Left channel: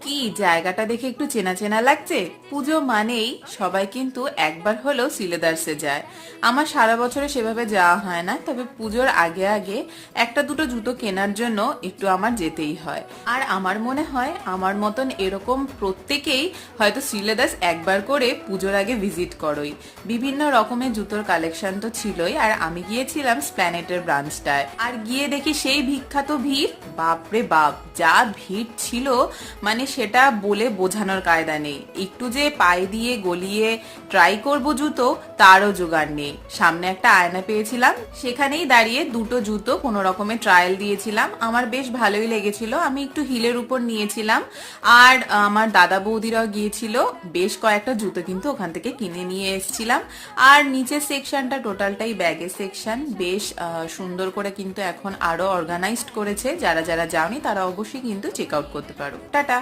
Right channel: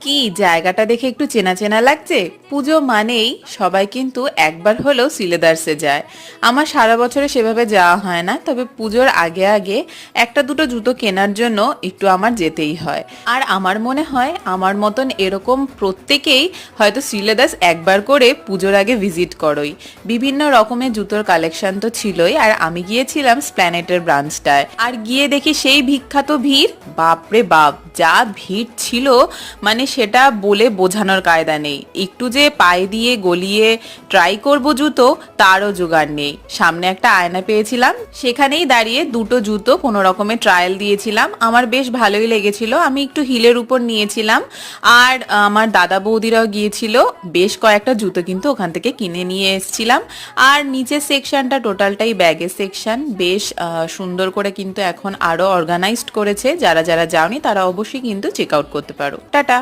কি জায়গাটা দেখে একটু চেনা চেনা লাগছে। পুজো মানেই সবাই কিন্তু একবার হলেও সিলেদার্সে যায়। আমার সারা বছরে সেভাবে যাওয়া হয় না, তবে পুজোর আগে আগে একটা দুটো জুতো কেনার জন্য একটু আমার যেতেই হয়। আর আমার মনে হয় আমার মতন এরকম প্রত্যেকেই হয়তো শ্রীলেদার্স একবার করে পুজোর আগে ভিজিট করোই। বিভিন্ন রকমের জুতোর কালেকশন তো ছিলই, আর আমি গিয়েছিলাম স্প্ল্যানেটের ব্রাঞ্চটায়। আর গিয়ে দেখি সেই বিখ্যাত ভিড়, বাপরে বাপ যা ভিড় ছিল, মানে সেটা বলে বোঝানোর কায়দা নেই। একটু যে পায়ে দিয়ে গলিয়ে ট্রাই করব জুতো, তারও জোগাড় নেই। সামনে একটা আয়না পেয়েছিলাম, সেখানেই দাঁড়িয়ে দুটো জুতো কোনো রকমের ট্রায়াল দিয়েছিলাম। আমার বেশ ভালোই লেগেছিল। আমি একটু হিলের উপর নিয়েছিলাম, আর আমার দাদা বৌদিরাও গিয়েছিল। বেশ কয়েকটা জুতো কিন্তু ওখান থেকে কিনে নিয়ে এসেছিলাম। আর নিচের সেকশনটা টোটালটাই ব্যাগের সেকশন, বেশ সুন্দর করে কিন্তু এখন আরো অর্গানাইজড করেছে। যারা যারা যাওনি তারা অবশ্যই কিন্তু চেক আউট করতে পারো। টাটা।